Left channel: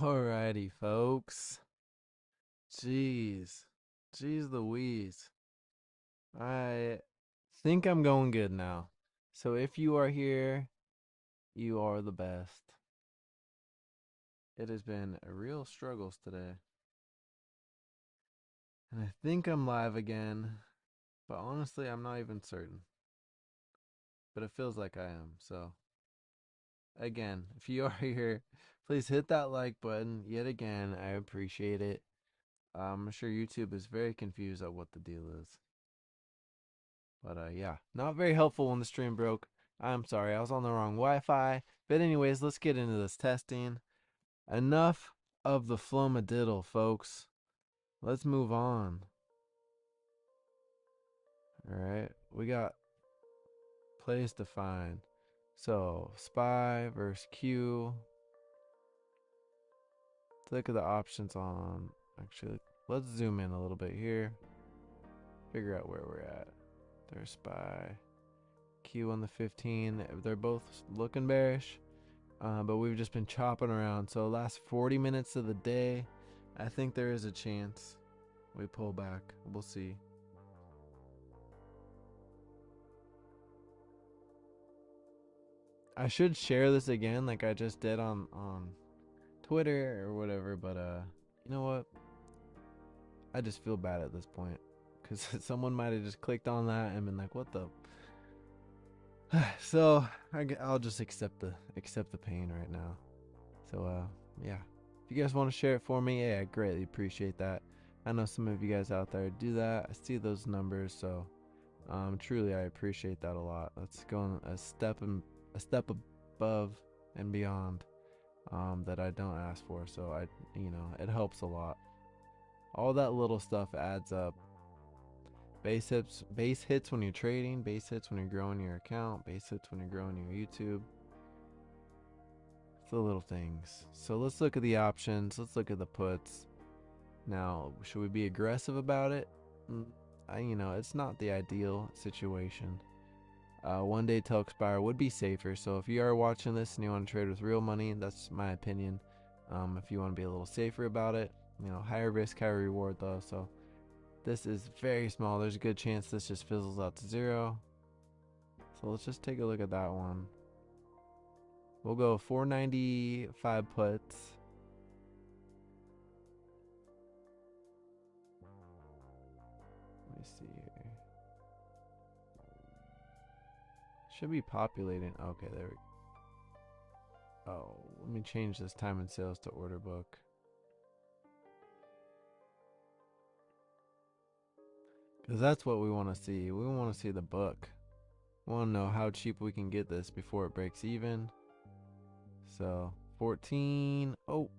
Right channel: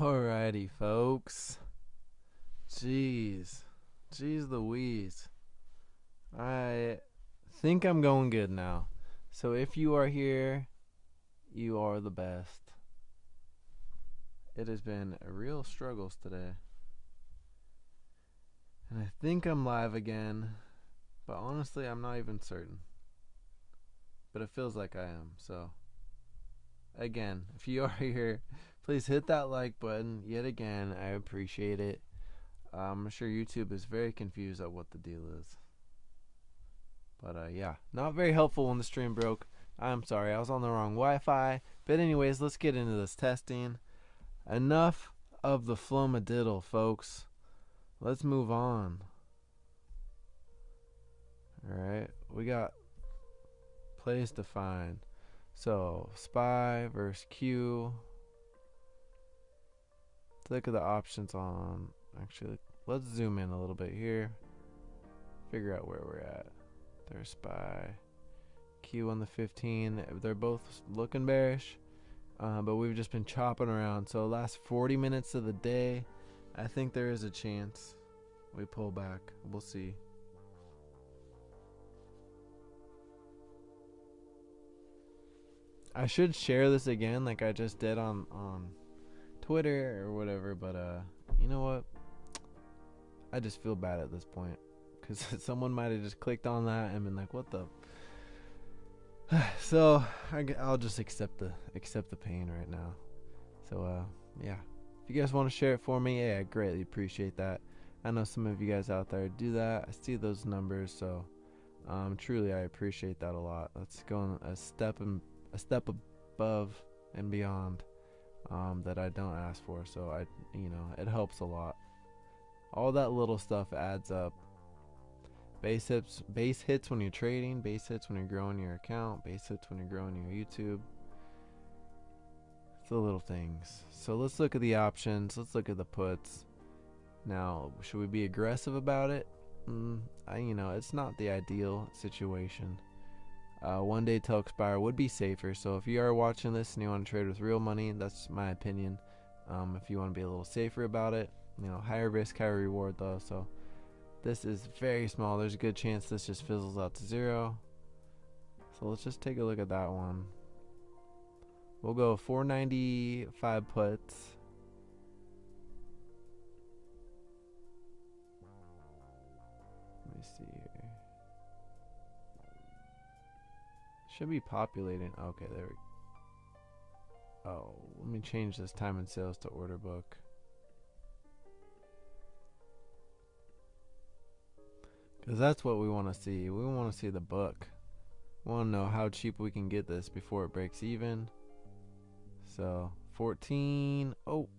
Alrighty, folks. Jeez. Jeez Louise. I think I'm going good now. So if you are here, you are the best. It has been a real struggles today. And I think I'm live again, but honestly, I'm not even certain. But it feels like I am. So, again, if you are here, please hit that like button yet again. I appreciate it. I'm sure YouTube is very confused at what the deal is. But yeah, not very helpful when the stream broke. I'm sorry, I was on the wrong Wi-Fi. But anyways, let's get into this testing. Enough of the flumadiddle, folks. Let's move on. Alright, we got plays defined. So, SPY versus Q. Look at the options on. Actually, let's zoom in a little bit here. Figure out where we're at. There's SPY. Q on the 15. They're both looking bearish. But we've just been chopping around. So last 40 minutes of the day, I think there is a chance we pull back. We'll see. I should share this again like I just did on Twitter or whatever, but you know what? I just feel bad at this point because someone might have just clicked on that and been like, "What the?" So I'll just accept the pain right now. So yeah, if you guys want to share it for me, yeah, I greatly appreciate that. I know some of you guys out there do that. I see those numbers, so truly I appreciate that a lot. That's going a step above and beyond that I don't ask for. So it helps a lot. All that little stuff adds up. Base hits when you're trading, base hits when you're growing your account, base hits when you're growing your YouTube. It's the little things. So let's look at the options. Let's look at the puts. Now, should we be aggressive about it? It's not the ideal situation. 1 day till expire would be safer. So if you are watching this and you want to trade with real money, that's my opinion. If you want to be a little safer about it, higher risk, higher reward though. So this is very small. There's a good chance this just fizzles out to zero. So let's just take a look at that one. We'll go 495 puts. Let me see here. Should be populating. Okay, there we go. Oh, let me change this time and sales to order book. Because that's what we want to see. We want to see the book. We want to know how cheap we can get this before it breaks even. So 14. Oh,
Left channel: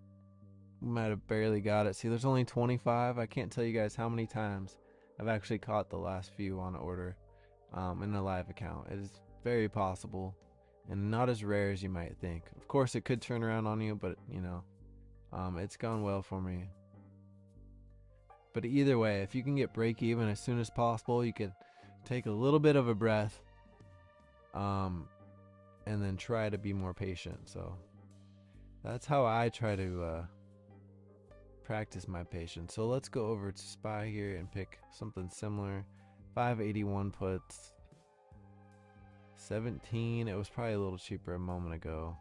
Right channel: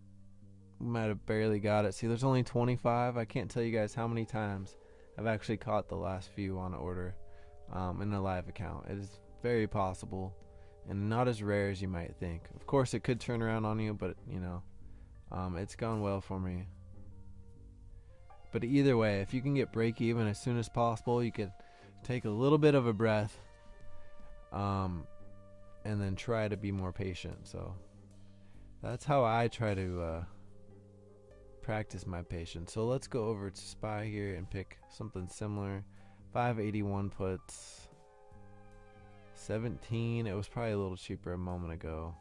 we might have barely got it. See, there's only 25. I can't tell you guys how many times I've actually caught the last few on order in a live account. It is very possible and not as rare as you might think. Of course, it could turn around on you, but it's gone well for me. But either way, if you can get break even as soon as possible, you can take a little bit of a breath and then try to be more patient. So that's how I try to practice my patience. So let's go over to SPY here and pick something similar. 581 puts. 17. It was probably a little cheaper a moment ago.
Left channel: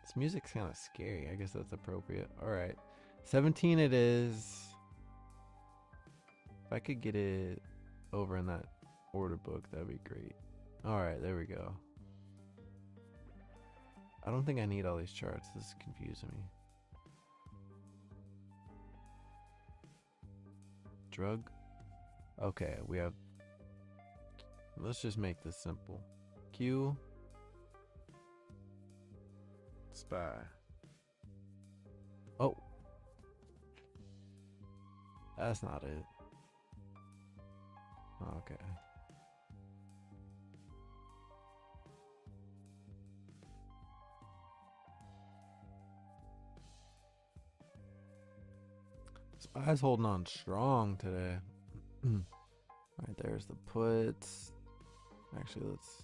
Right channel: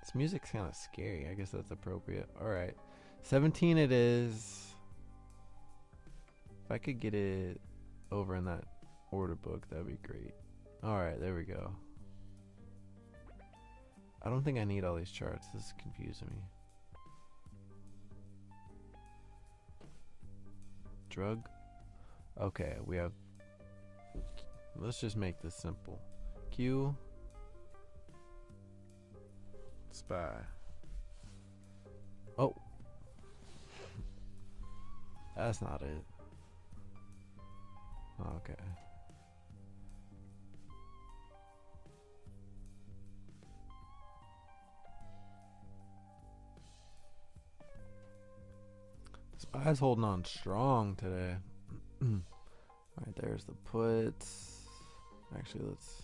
This music's kind of scary. I guess that's appropriate. Alright. 17 it is. If I could get it over in that order book, that'd be great. Alright, there we go. I don't think I need all these charts. This is confusing me. Drug? Okay, we have... Let's just make this simple. Q... SPY. Oh. That's not it. Okay. SPY's holding on strong today. Alright, there's the puts. Actually, let's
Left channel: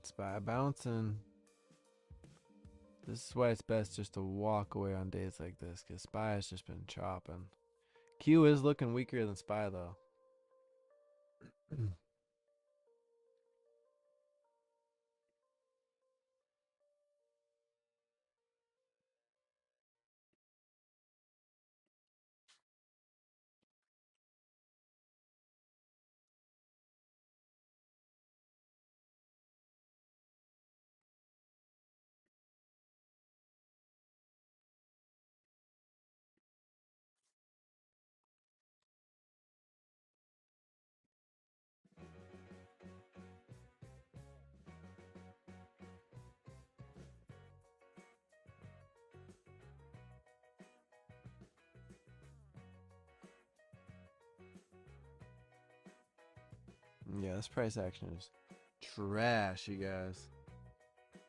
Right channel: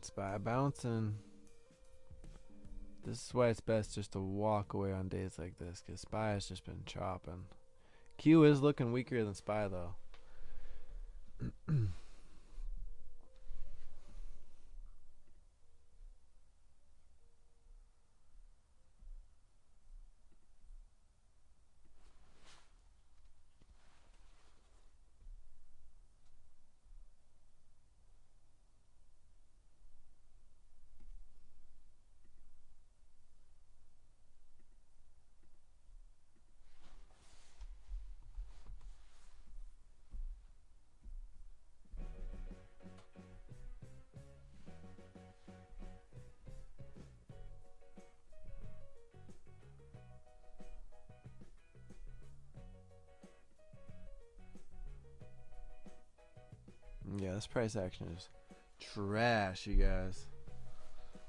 SPY bouncing. This is why it's best just to walk away on days like this, because SPY has just been chopping. Q is looking weaker than SPY though. Yeah, this price action is trash, you guys.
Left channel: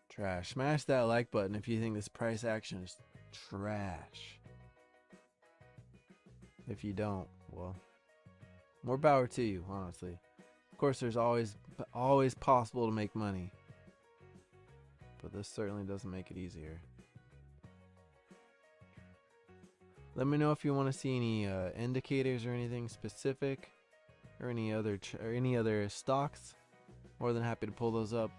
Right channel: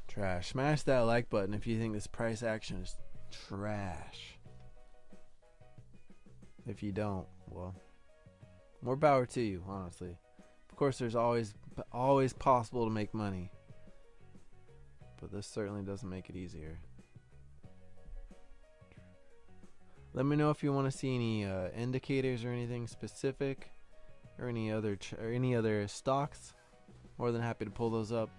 Trash. Smash that like button if you think this price action is trash. If you don't, well, more power to you, honestly. Of course, there's always possible to make money, but this certainly doesn't make it easier. Let me know if you want to see any indicators or anything specific, or any other stocks. More than happy to pull those up.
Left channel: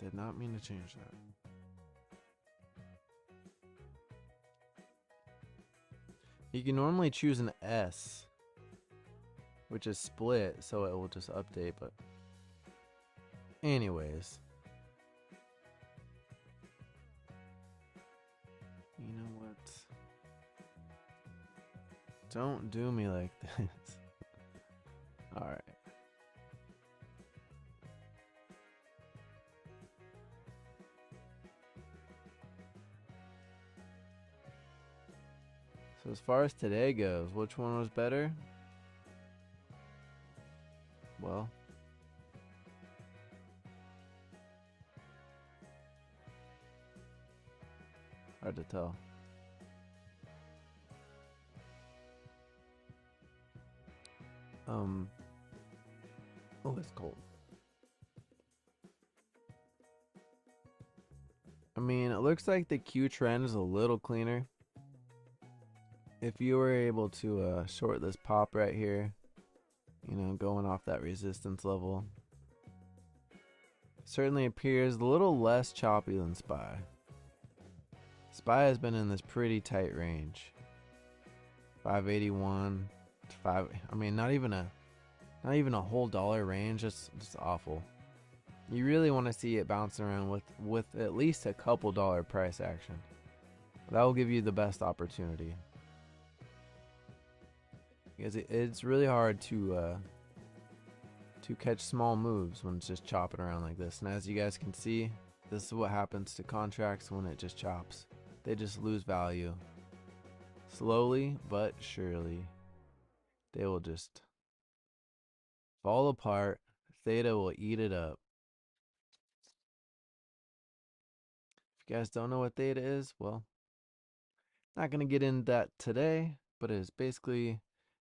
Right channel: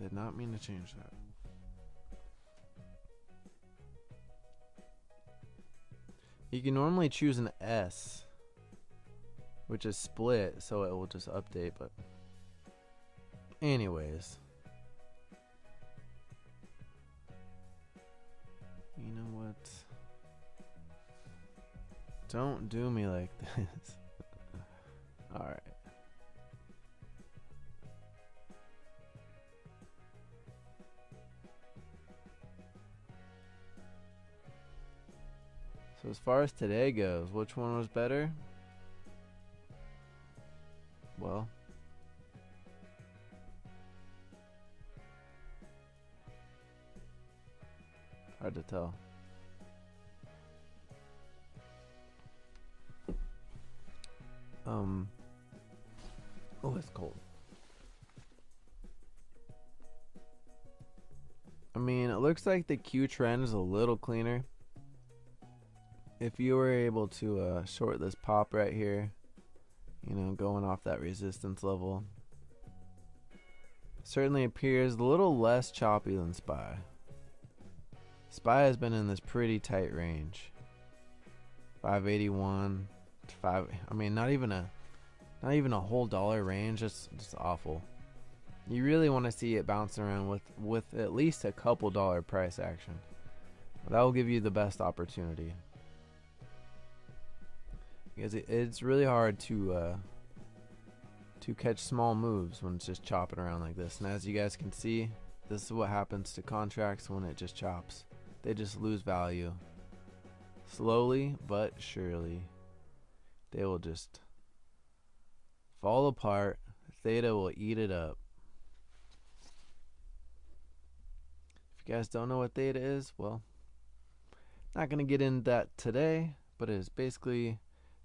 Did not mean to change that. You can normally choose an S, which is split, so it will just update, but anyways. You know what? Don't do me like this. Alright. So as far as today goes, which one was better? Well, hard to tell. Oh, it's cold. I mean, it looks like the Q trend is a little cleaner. If you were able to short this pop right here, you know, going off that resistance level, certainly appears a little less choppy than SPY. SPY has been in this pretty tight range. 581 to 5. I mean, not even a whole dollar range. It's awful. You really want to see it bounce around with at least a couple dollar price action. That will give you the best opportunity. Because it's really hard to catch small moves when it's just chopping around like this. And as you guys can see, this is what happens to contracts when it just chops. They just lose value. Slowly but surely, they will just fall apart. Theta will eat it up. If you guys don't know what theta is, well, not going to get into that today, but it is basically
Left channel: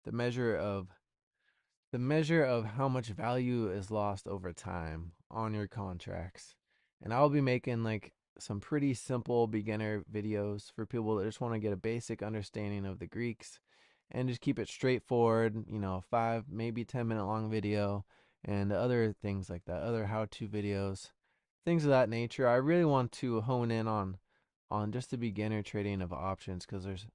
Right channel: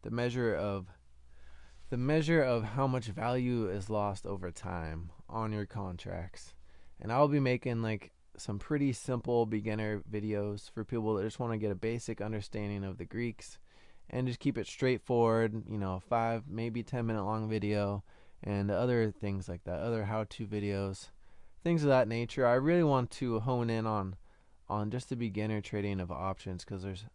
the measure of how much value is lost over time on your contracts. And I'll be making like some pretty simple beginner videos for people that just want to get a basic understanding of the Greeks and just keep it straightforward, you know, 5 maybe 10 minute long video and other things like that, other how-to videos, things of that nature. I really want to hone in on just the beginner trading of options, because there's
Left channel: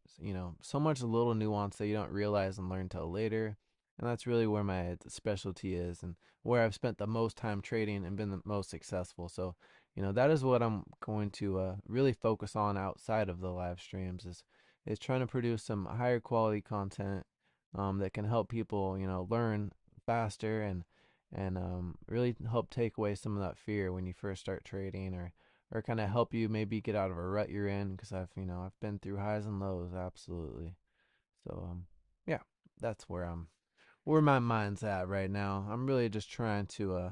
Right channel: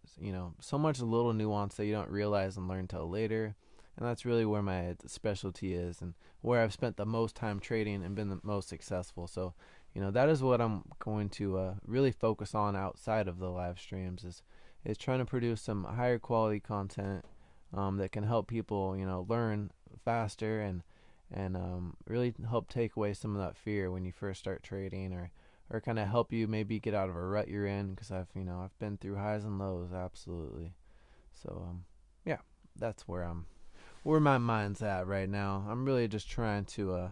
so much little nuance that you don't realize and learn till later, and that's really where my specialty is and where I've spent the most time trading and been the most successful. So that is what I'm going to really focus on outside of the live streams, is trying to produce some higher quality content that can help people learn faster, and really help take away some of that fear when you first start trading, or kind of help you maybe get out of a rut you're in, because I've been through highs and lows, absolutely. So yeah, that's where my mind's at right now. I'm really just trying to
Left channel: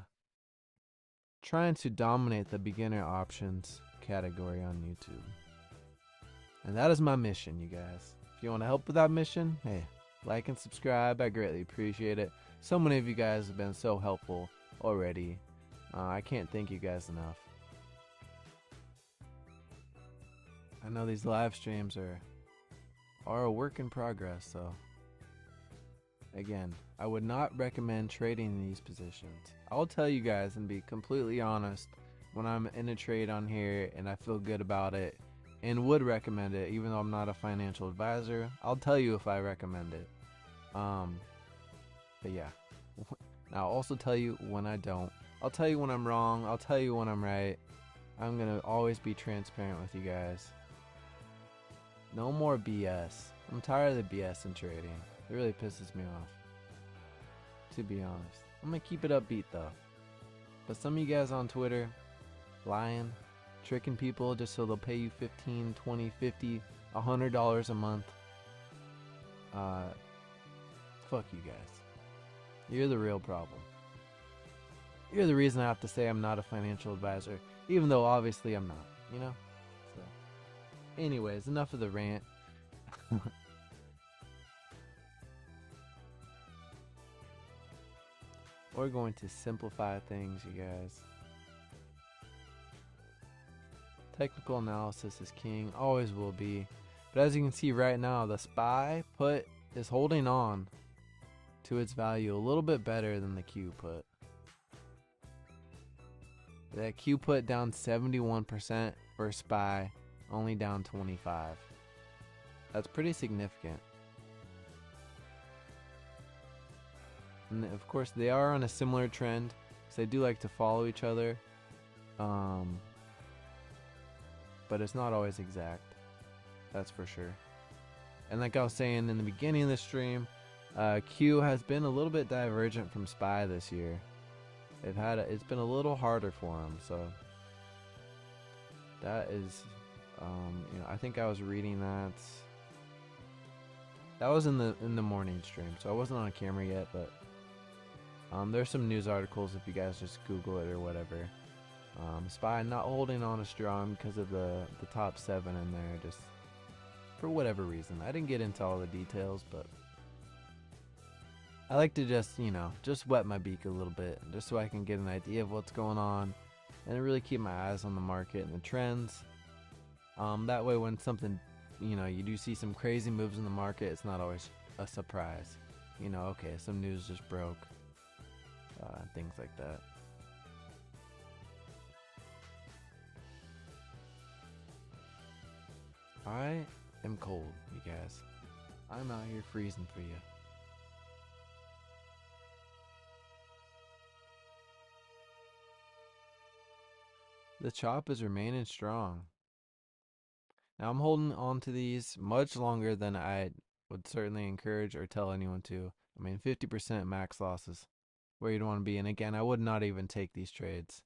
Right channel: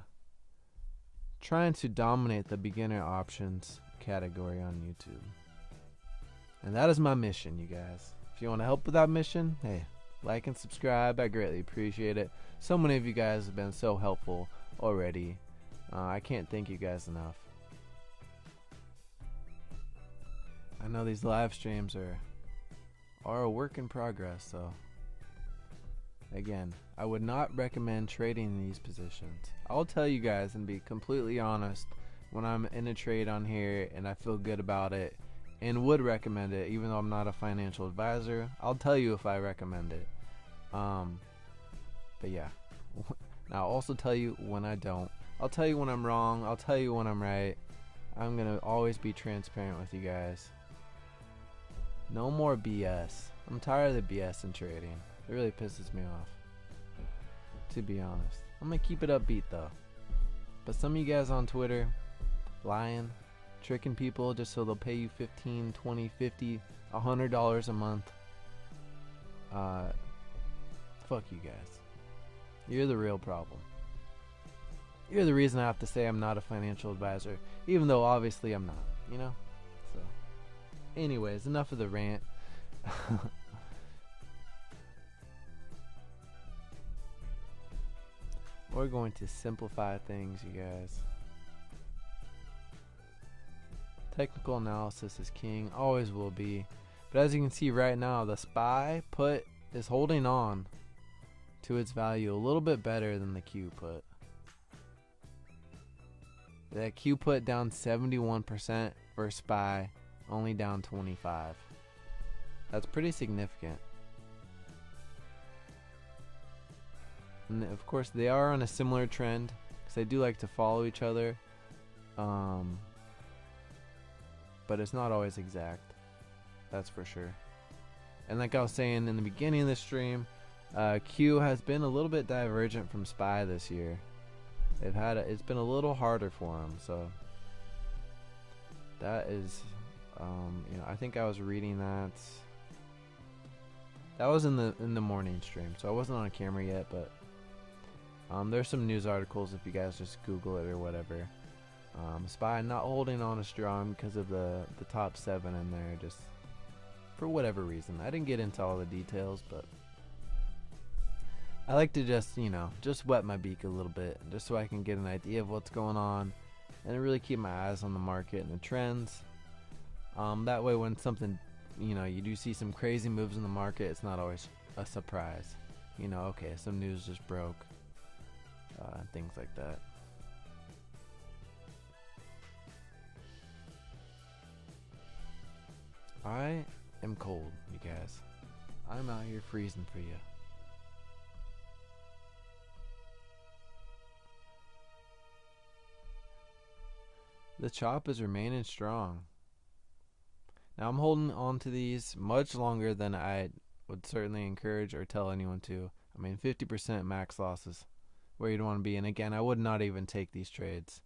dominate the beginner options category on YouTube. And that is my mission, you guys. If you want to help with that mission, hey, like and subscribe. I greatly appreciate it. So many of you guys have been so helpful already. I can't thank you guys enough. I know these live streams are a work in progress, so again, I would not recommend trading these positions. I'll tell you guys and be completely honest when I'm in a trade on here and I feel good about it and would recommend it, even though I'm not a financial advisor. I'll tell you if I recommend it. But yeah, I'll also tell you when I don't. I'll tell you when I'm wrong. I'll tell you when I'm right. I'm gonna always be transparent with you guys. No more BS. I'm tired of the BS in trading. It really pisses me off, to be honest. I'm gonna keep it upbeat though. But some of you guys on Twitter, lying, tricking people just so they'll pay you $15, $20, $50, $100 a month. Fuck you guys. You're the real problem. You're the reason I have to say I'm not a financial advisor, even though obviously I'm not, So, anyways, enough of the rant. We're going to simplify things, you guys. Technical analysis is king, always will be. But as you can see right now, the SPY put is holding on to its value a little bit better than the Q put. The Q put down 71% for SPY, only down 25%. That's pretty significant. And of course, they are on a similar trend, because they do like to follow each other. But it's not always exact. That's for sure. And like I was saying in the beginning of the stream, Q has been a little bit divergent from SPY this year. It's been a little harder for them. So that is, I think I was reading that. That was in the morning stream, so I wasn't on camera yet, but there's some news articles if you guys just Google it or whatever. SPY not holding on as strong because of the top 7 in there, just for whatever reason. I didn't get into all the details, but I like to just wet my beak a little bit, just so I can get an idea of what's going on and really keep my eyes on the market and the trends. That way when something, you do see some crazy moves in the market, it's not always a surprise. Okay, some news just broke. Things like that. I am cold, you guys. I'm out here freezing for you. The chop is remaining strong. Now I'm holding on to these much longer than I would certainly encourage or tell anyone to. 50% max losses where you don't want to be. And again, I would not even take these trades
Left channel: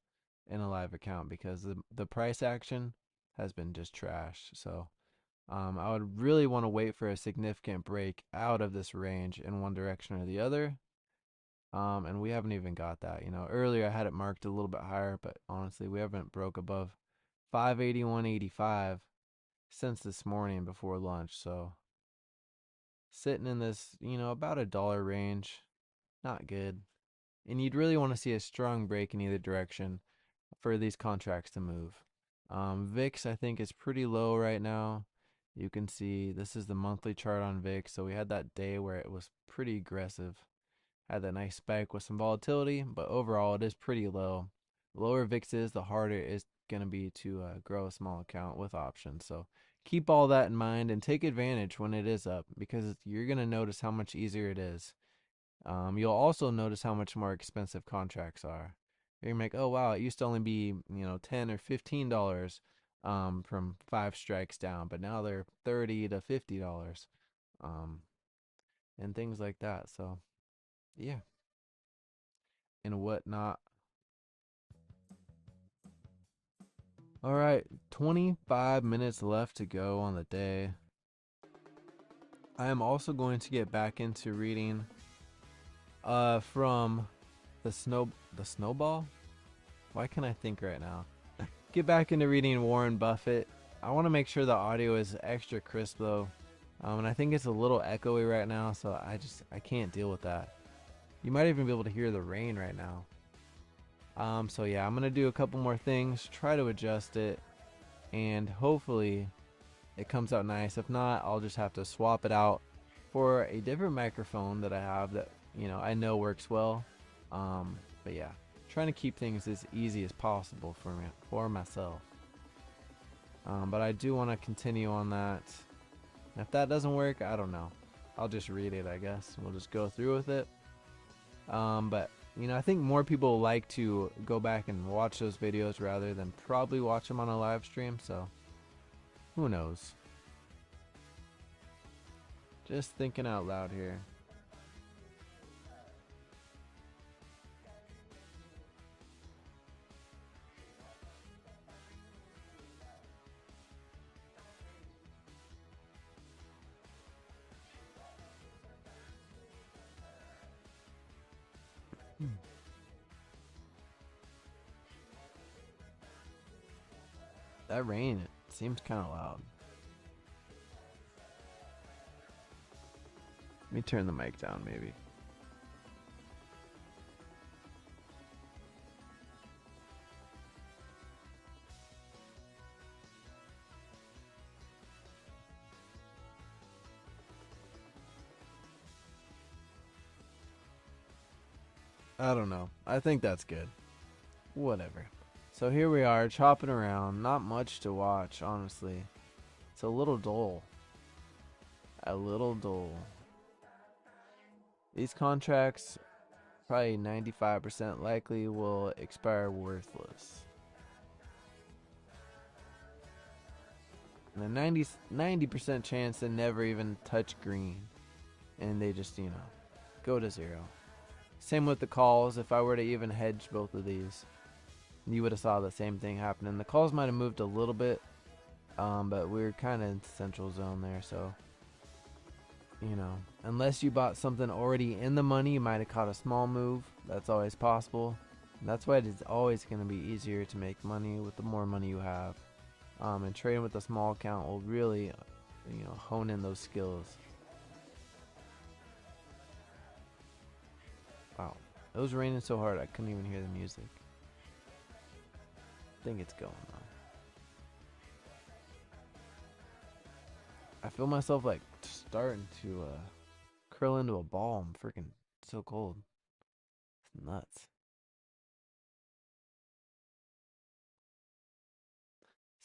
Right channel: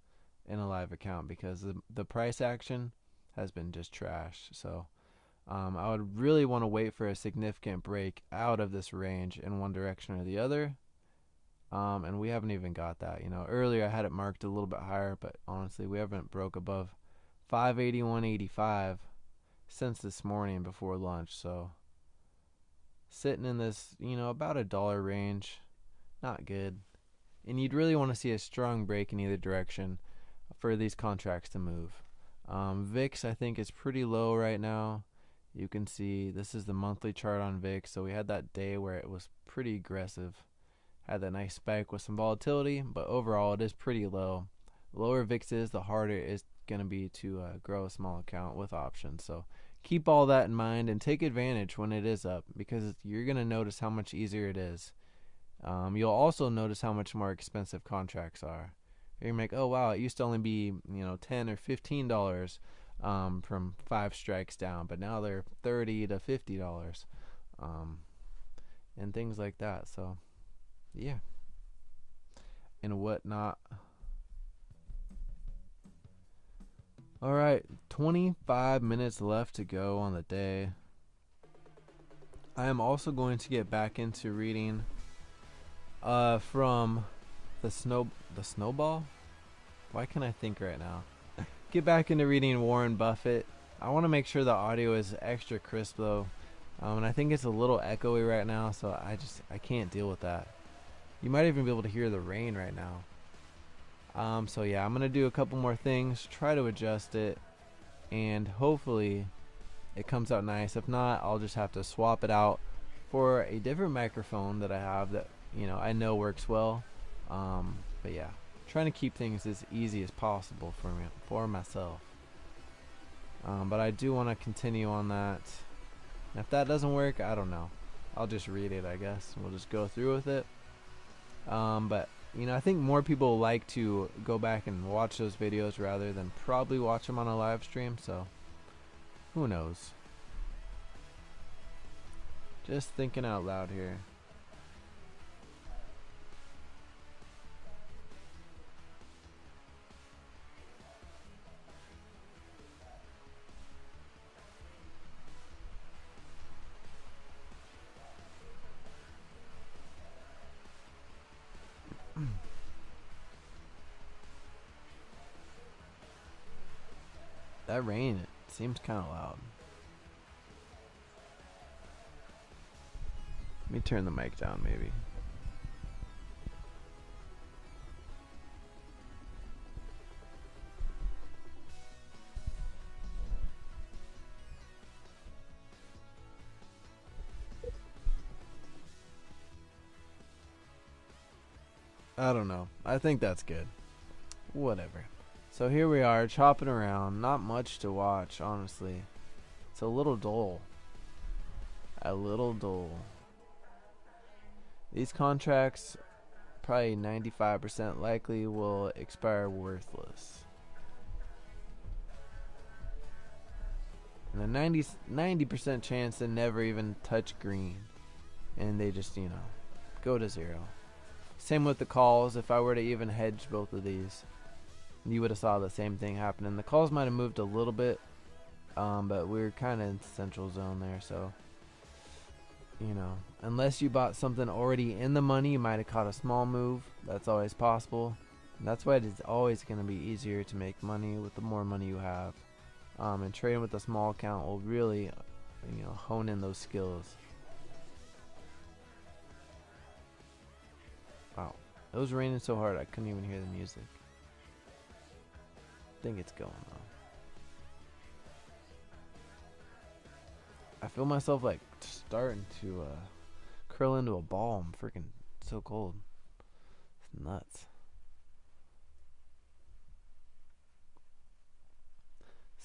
in a live account, because the price action has been just trash. So I would really want to wait for a significant break out of this range in one direction or the other. And we haven't even got that. Earlier I had it marked a little bit higher, but honestly, we haven't broke above 581.85 since this morning before lunch. So sitting in this, about $1 range, not good. And you'd really want to see a strong break in either direction for these contracts to move. VIX, I think, is pretty low right now. You can see this is the monthly chart on VIX. So we had that day where it was pretty aggressive. Had that nice spike with some volatility, but overall it is pretty low. The lower VIX is, the harder it's going to be to grow a small account with options. So keep all that in mind and take advantage when it is up, because you're going to notice how much easier it is. You'll also notice how much more expensive contracts are. You're like, oh wow, it used to only be $10 or $15 from 5 strikes down, but now they're $30 to $50, and things like that. So yeah, and whatnot. All right, 25 minutes left to go on the day. I am also going to get back into reading from the snowball. Why can't I think right now? Get back into reading Warren Buffett. I want to make sure the audio is extra crisp though, and I think it's a little echoey right now, so I can't deal with that. You might even be able to hear the rain right now. So yeah, I'm gonna do a couple more things, try to adjust it, and hopefully it comes out nice. If not, I'll just have to swap it out for a different microphone that I have that I know works well. But yeah, trying to keep things as easy as possible for myself. But I do want to continue on that. And if that doesn't work, I don't know. I'll just read it, I guess. We'll just go through with it. But I think more people like to go back and watch those videos rather than probably watch them on a live stream. So who knows? Just thinking out loud here. That rain, it seems kind of loud. Let me turn the mic down, maybe. I don't know. I think that's good. Whatever. So here we are, chopping around. Not much to watch, honestly. It's a little dull. A little dull. These contracts, probably 95% likely, will expire worthless. And a 90% chance they never even touch green. And they just, go to zero. Same with the calls. If I were to even hedge both of these, you would have saw the same thing happening. The calls might have moved a little bit, but we're kind of in central zone there. So, unless you bought something already in the money, you might have caught a small move. That's always possible. That's why it's always going to be easier to make money with the more money you have. And trading with a small account will really, hone in those skills. Wow, it was raining so hard I couldn't even hear the music. I think it's going on. I feel myself like starting to curl into a ball. I'm freaking so cold. It's nuts.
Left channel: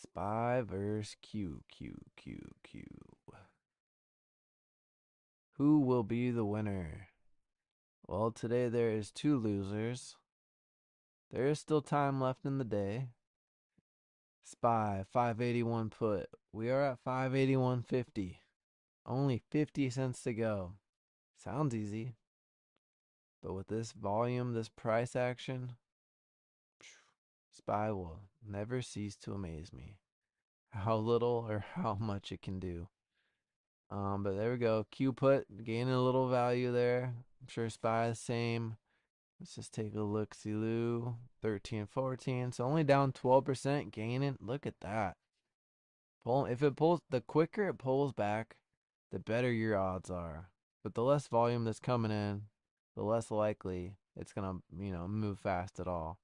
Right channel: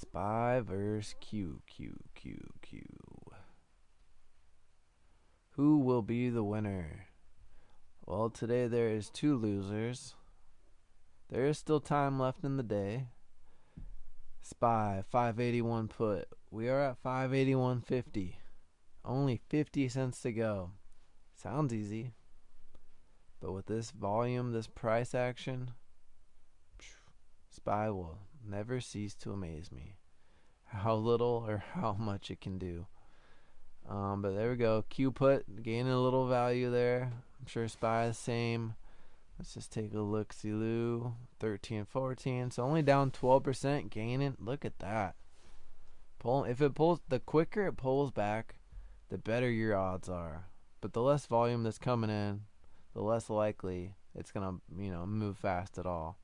SPY versus QQQ. Who will be the winner? Well, today there is 2 losers. There is still time left in the day. SPY 581 put. We are at 581.50. Only 50 cents to go. Sounds easy. But with this volume, this price action, SPY will never cease to amaze me. How little or how much it can do. But there we go. Q put gaining a little value there. I'm sure SPY is the same. Let's just take a look-see-loo. 13, 14. So only down 12%, gaining. Look at that. If it pulls, the quicker it pulls back, the better your odds are. But the less volume that's coming in, the less likely it's gonna, move fast at all.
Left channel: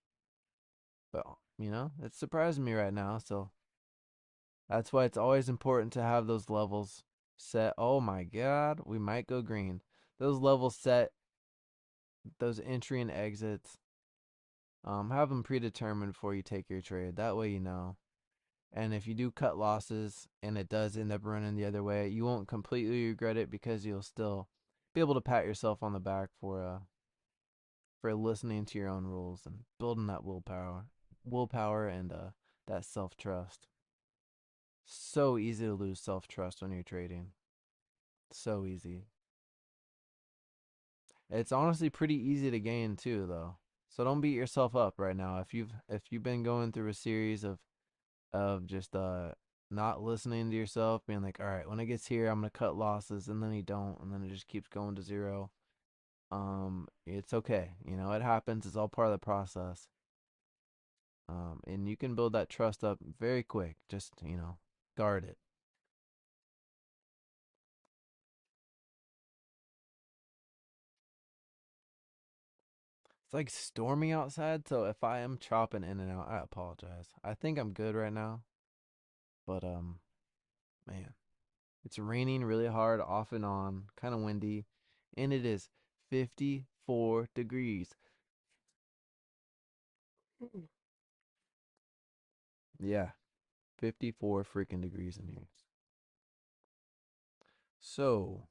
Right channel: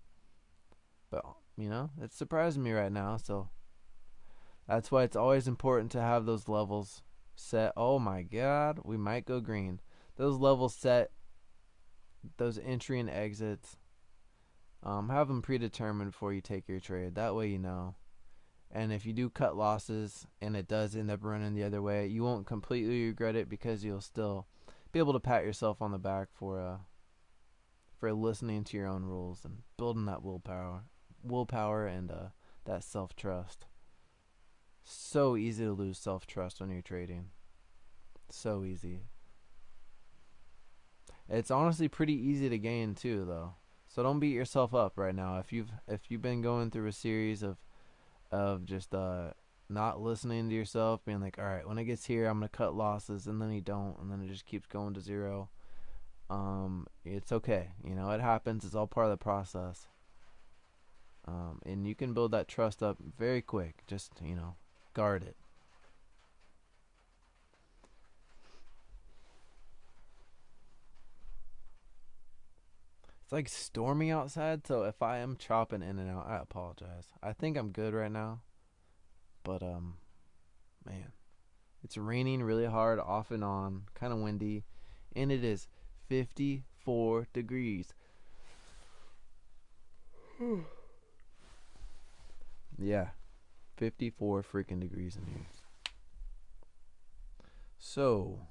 But it's surprising me right now. So that's why it's always important to have those levels set. Oh my God, we might go green. Those levels set. Those entry and exits. Have them predetermined before you take your trade. That way you know. And if you do cut losses and it does end up running the other way, you won't completely regret it because you'll still be able to pat yourself on the back for listening to your own rules and building that willpower and that self trust. So easy to lose self trust when you're trading. So easy. It's honestly pretty easy to gain too, though. So don't beat yourself up right now. If you've been going through a series of just not listening to yourself, being like, all right, when it gets here, I'm gonna cut losses, and then you don't, and then it just keeps going to zero. It's okay. You know, it happens. It's all part of the process. And you can build that trust up very quick. Just guard it. It's like stormy outside, so if I am chopping in and out, I apologize. I think I'm good right now, but man, it's raining really hard, off and on, kind of windy, and it is 54 degrees. Yeah, 54 freaking degrees in here. So,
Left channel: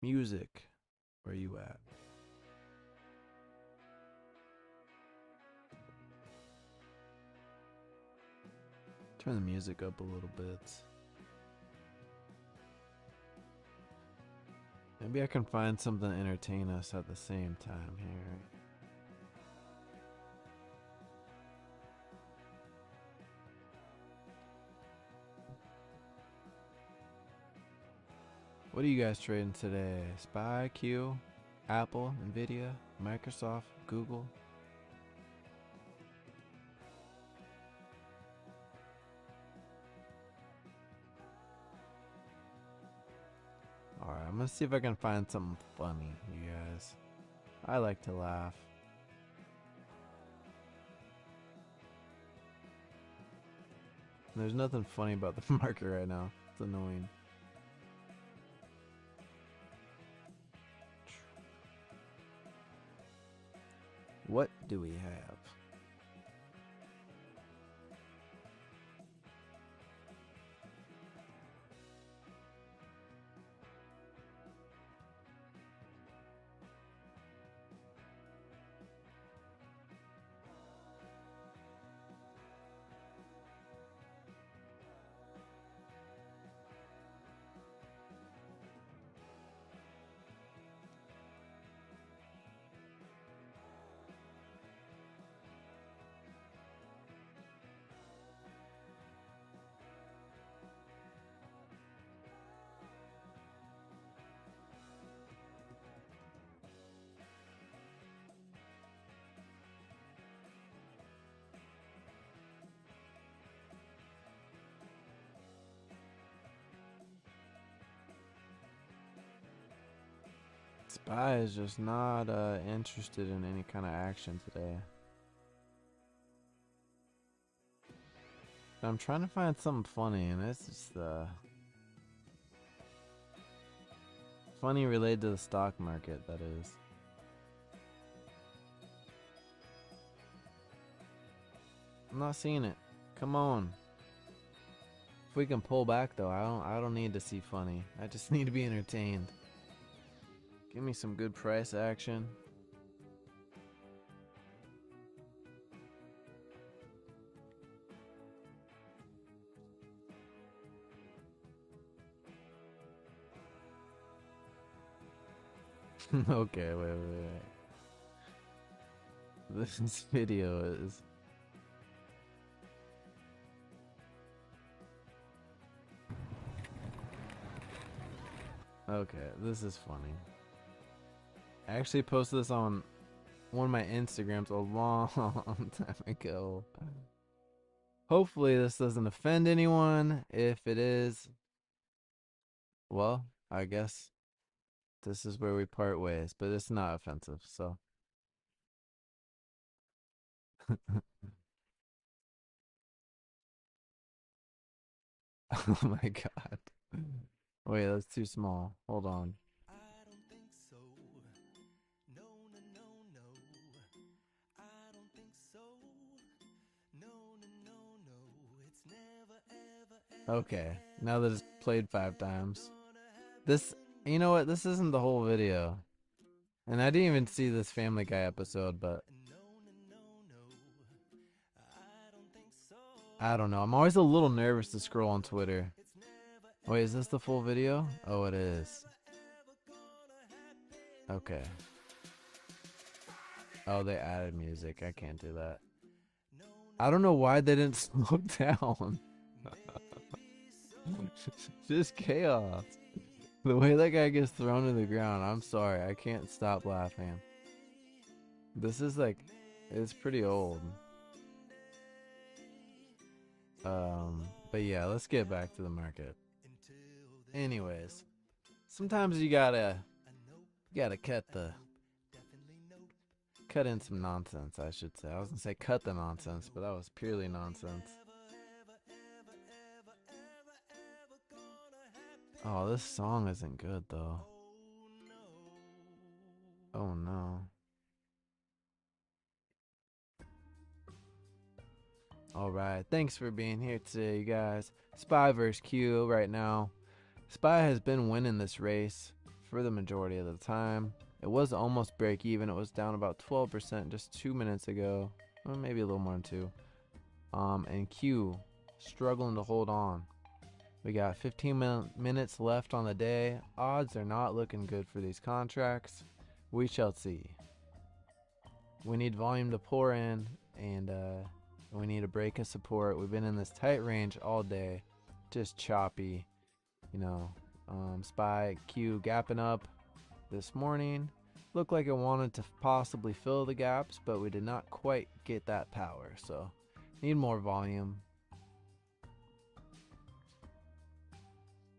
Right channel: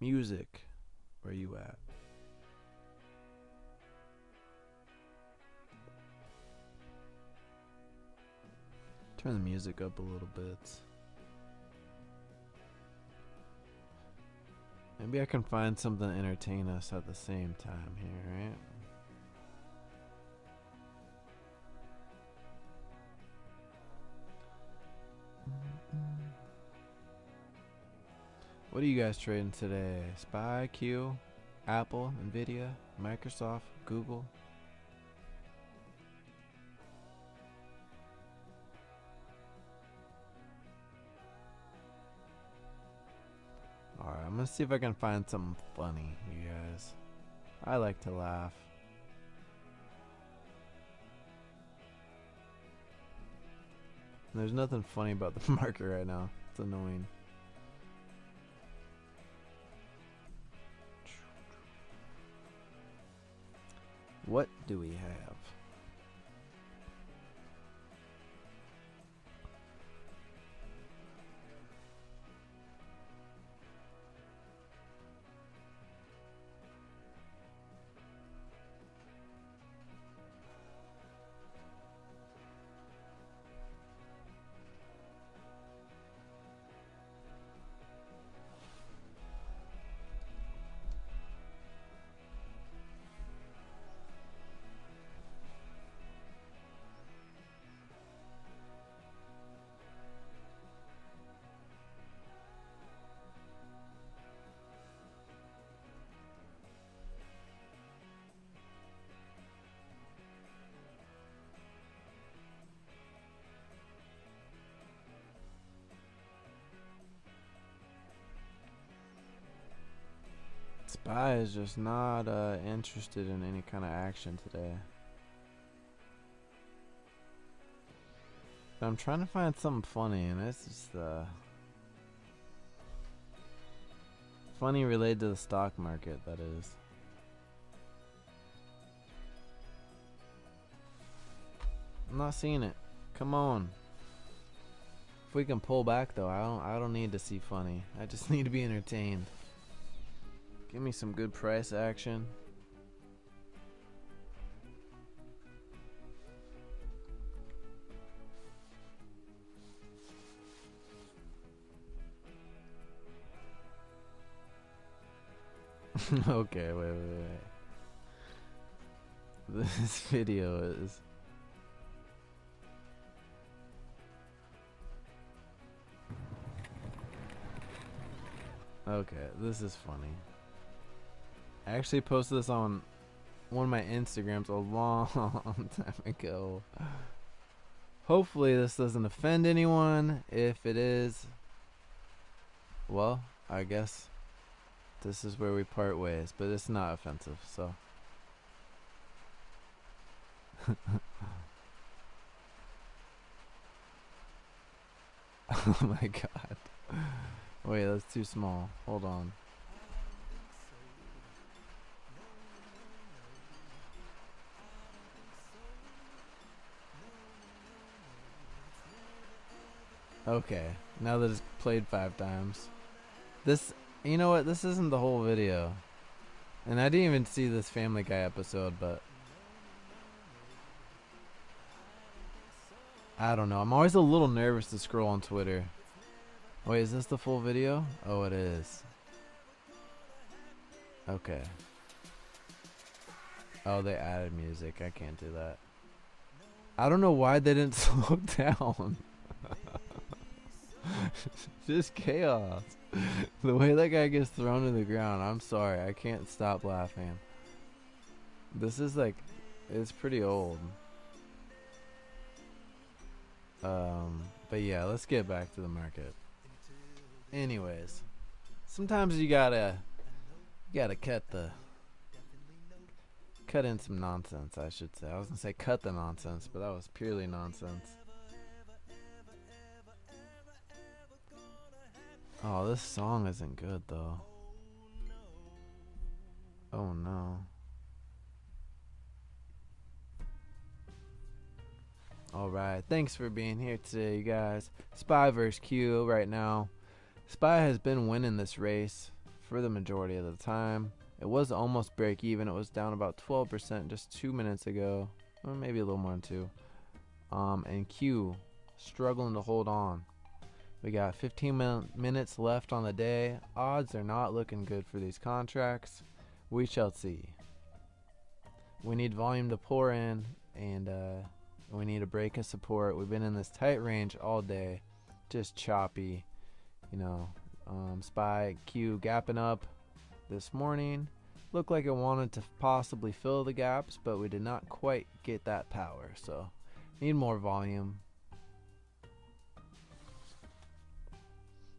music, where you at? Turn the music up a little bit. Maybe I can find something to entertain us at the same time here, right? What are you guys trading today? SPY, Q, Apple, Nvidia, Microsoft, Google? Alright, I'm gonna see if I can find something funny, you guys. I like to laugh. There's nothing funny about the market right now. It's annoying. What do we have? SPY is just not interested in any kind of action today. But I'm trying to find something funny, and it's just funny related to the stock market, that is. I'm not seeing it. Come on. If we can pull back though, I don't need to see funny. I just need to be entertained. Give me some good price action. Okay, wait. This video is... Okay, this is funny. I actually posted this on one of my Instagrams a long time ago. Hopefully this doesn't offend anyone. If it is, well, I guess this is where we part ways, but it's not offensive, so. Oh my god. Wait, that's too small. Hold on. Okay, now that it's played 5 times. This, you know what? This isn't the whole video. And I didn't even see this Family Guy episode, but I don't know. I'm always a little nervous to scroll on Twitter. Wait, is this the full video? Oh, it is. Okay. Oh, they added music. I can't do that. I don't know why they didn't slow down. Just chaos. The way that guy gets thrown to the ground, I'm sorry. I can't stop laughing. This is like, it's pretty old. But yeah, let's get back to the market. Anyways, sometimes you gotta cut in some nonsense, I should say. I was gonna say cut the nonsense, but that was purely nonsense. Oh, this song isn't good though. Oh no. Alright, thanks for being here today, you guys. Spy vs. Q right now. Spy has been winning this race for the majority of the time. It was almost break even. It was down about 12% just 2 minutes ago. Or maybe a little more than 2. And Q struggling to hold on. We got 15 minutes left on the day. Odds are not looking good for these contracts. We shall see. We need volume to pour in, and we need a break of support. We've been in this tight range all day, just choppy. You know, Spy Q gapping up this morning. Looked like it wanted to possibly fill the gaps, but we did not quite get that power. So, need more volume.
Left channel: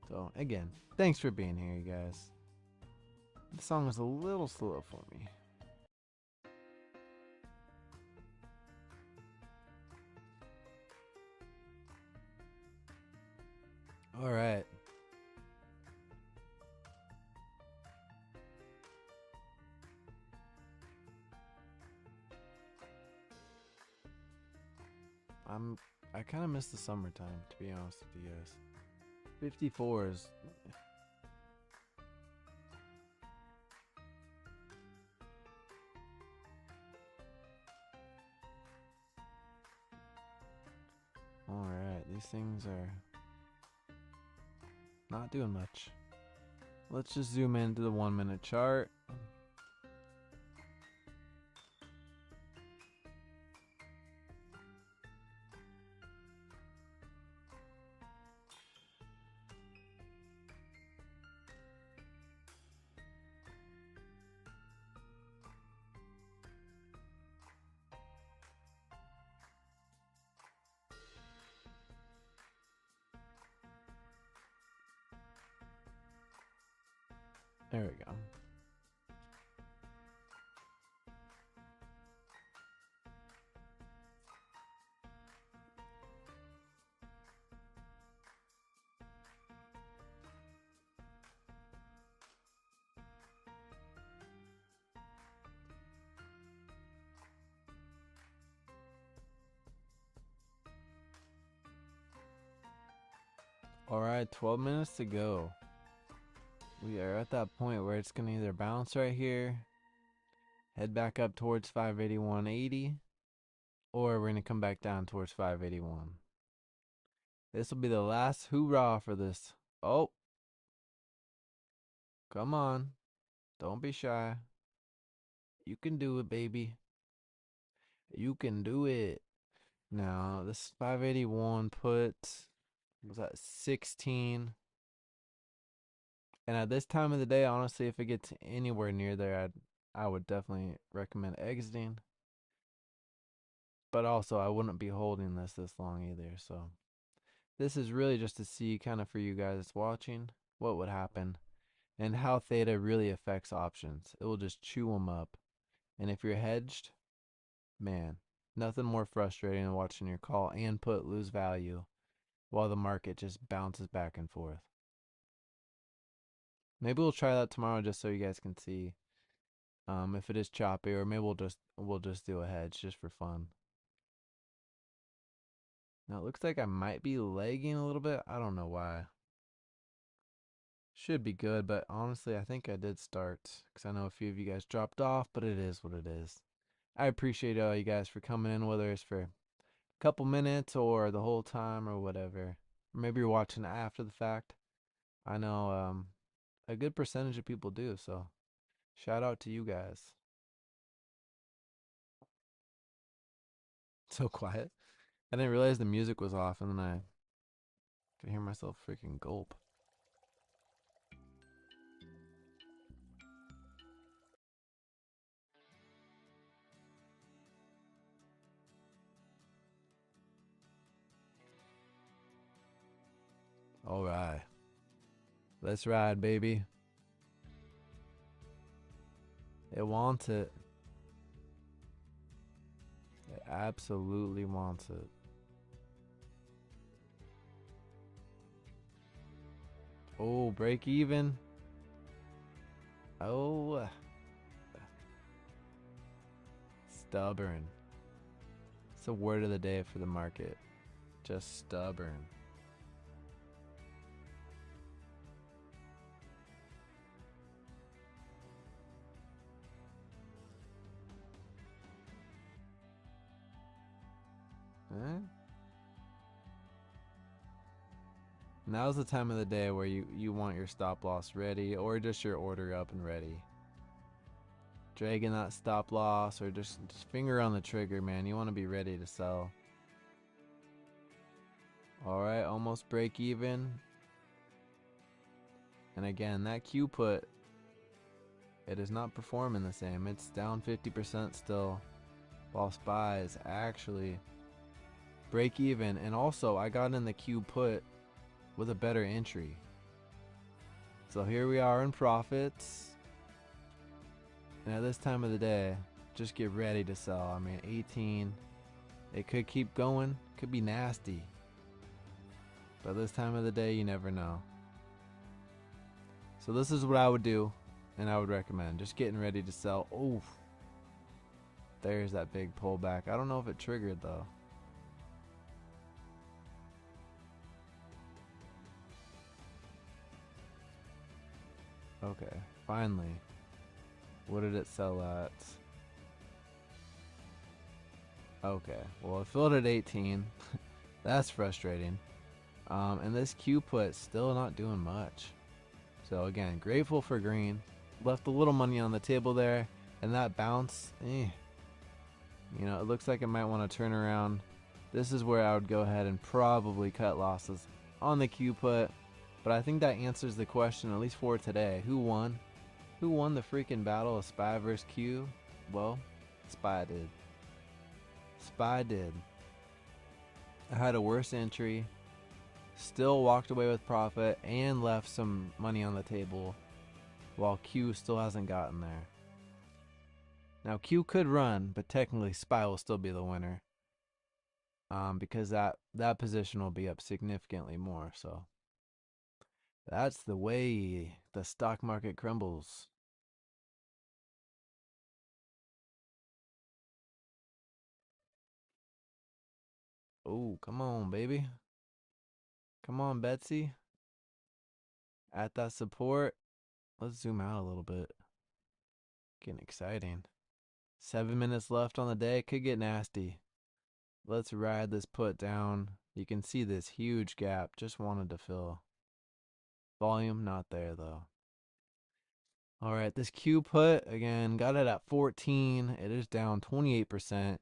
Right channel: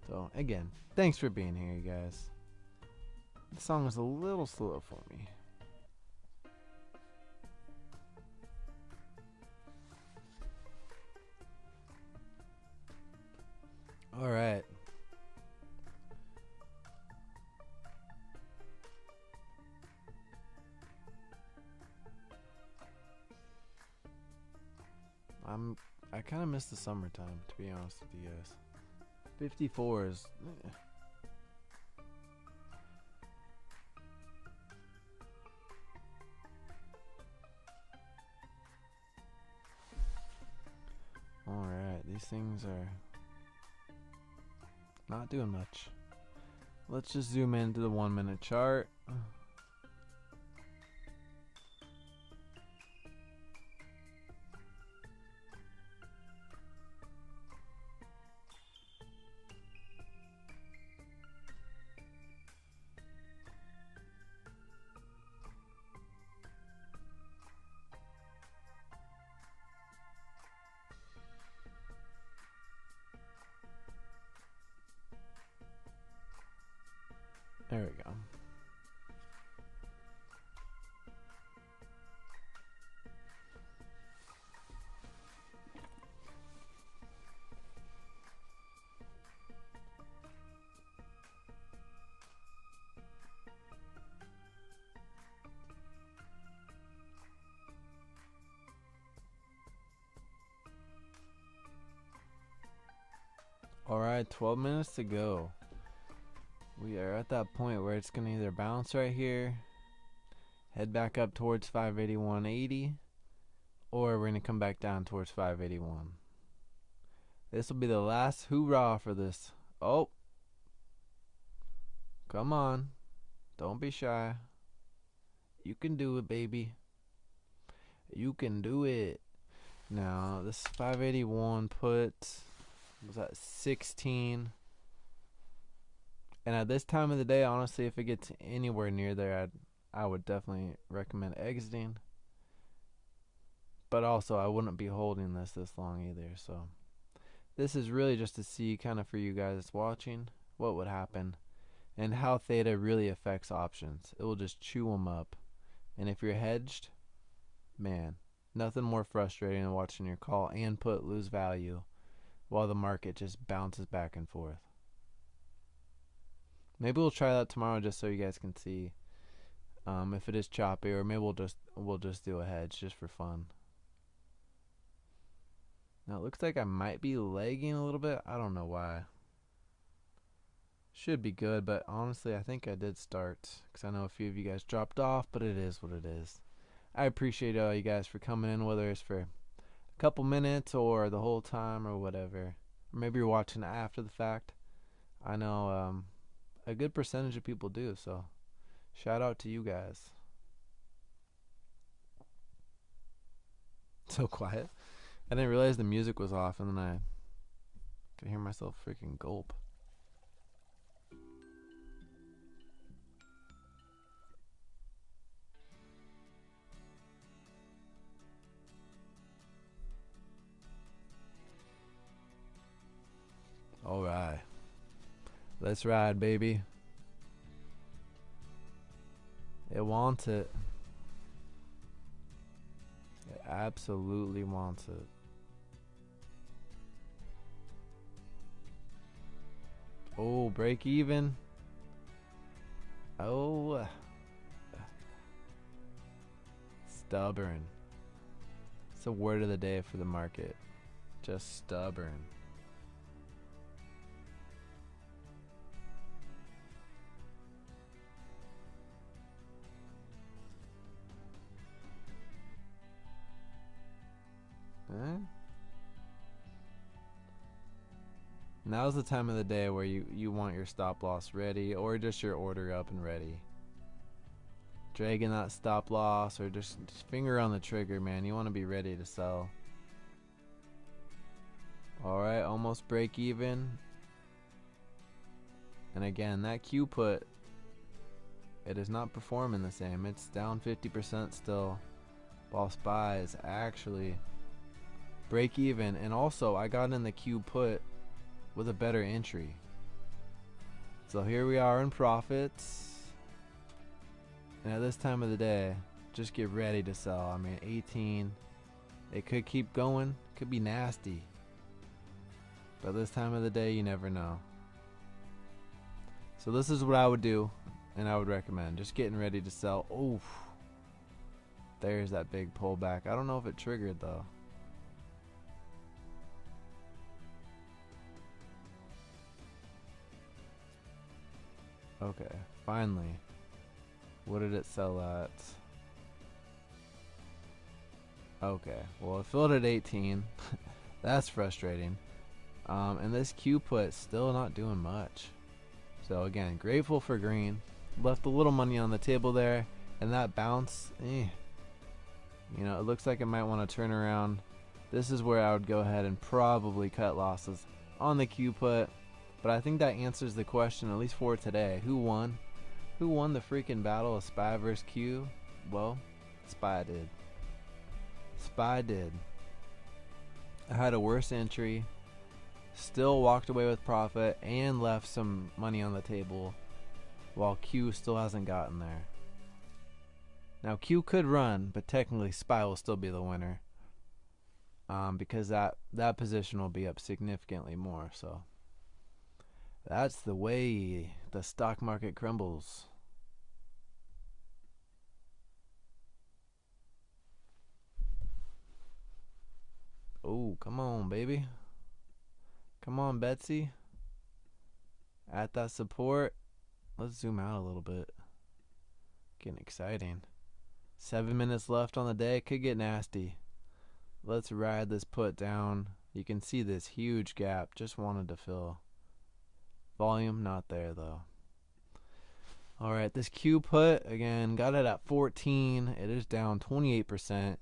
So, again, thanks for being here, you guys. The song was a little slow for me. Alright. I kind of miss the summertime, to be honest with you guys. 54 is... Alright, these things are not doing much. Let's just zoom into the 1 minute chart. There we go. Alright, 12 minutes to go. We are at that point where it's going to either bounce right here, head back up towards 581.80, or we're going to come back down towards 581. This will be the last hoorah for this. Oh, come on. Don't be shy. You can do it, baby. You can do it. Now, this 581 put, was that 16? And at this time of the day, honestly, if it gets anywhere near there, I would definitely recommend exiting. But also, I wouldn't be holding this long either. So, this is really just to see kind of for you guys watching what would happen and how theta really affects options. It will just chew them up. And if you're hedged, man, nothing more frustrating than watching your call and put lose value while the market just bounces back and forth. Maybe we'll try that tomorrow just so you guys can see if it is choppy, or maybe we'll just do a hedge just for fun. Now it looks like I might be lagging a little bit. I don't know why. Should be good, but honestly, I think I did start because I know a few of you guys dropped off, but it is what it is. I appreciate all you guys for coming in, whether it's for a couple minutes or the whole time or whatever. Or maybe you're watching it after the fact. I know a good percentage of people do, so shout out to you guys. So quiet. I didn't realize the music was off, and then I could hear myself freaking gulp. All right. Let's ride, baby. It wants it. It absolutely wants it. Oh, break even. Oh, stubborn. It's the word of the day for the market. Just stubborn. Eh? Now's the time of the day where you want your stop loss ready or just your order up and ready. Dragging that stop loss or just finger on the trigger, man. You want to be ready to sell. Alright, almost break even. And again, that Q put, it is not performing the same. It's down 50% still. While SPY is actually break even. And also, I got in the Q put with a better entry. So here we are in profits. And at this time of the day, just get ready to sell. I mean, 18. It could keep going. Could be nasty. But this time of the day, you never know. So this is what I would do, and I would recommend. Just getting ready to sell. Oof. There's that big pullback. I don't know if it triggered, though. Okay, finally. What did it sell at? Okay, well, it filled at 18. That's frustrating. And this Q put still not doing much. So again, grateful for green. Left a little money on the table there, and that bounce, you know, it looks like it might want to turn around. This is where I would go ahead and probably cut losses on the Q put. But I think that answers the question, at least for today. Who won? Who won the freaking battle of SPY versus Q? Well, SPY did. SPY did. I had a worse entry, still walked away with profit, and left some money on the table, while Q still hasn't gotten there. Now Q could run, but technically SPY will still be the winner, because that position will be up significantly more. So that's the way the stock market crumbles. Oh, come on, baby. Come on, Betsy. At that support. Let's zoom out a little bit. Getting exciting. 7 minutes left on the day. Could get nasty. Let's ride this put down. You can see this huge gap. Just wanted to fill. Volume not there, though. Alright, this Q put, again, got it at 14. It is down 28%.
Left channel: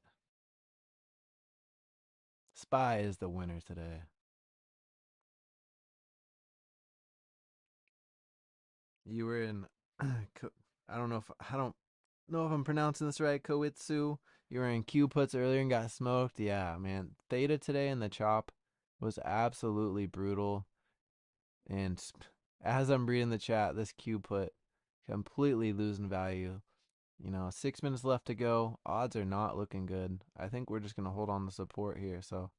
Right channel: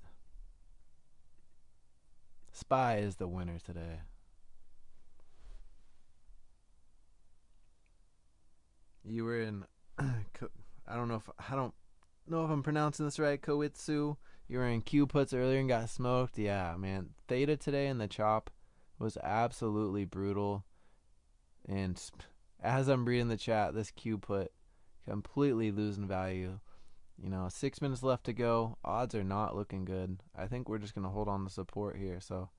SPY is the winner today. You were in, I don't know if I'm pronouncing this right, Koitsu. You were in Q puts earlier and got smoked. Yeah, man. Theta today in the chop was absolutely brutal. And as I'm reading the chat, this Q put completely losing value. You know, 6 minutes left to go. Odds are not looking good. I think we're just going to hold on to support here. So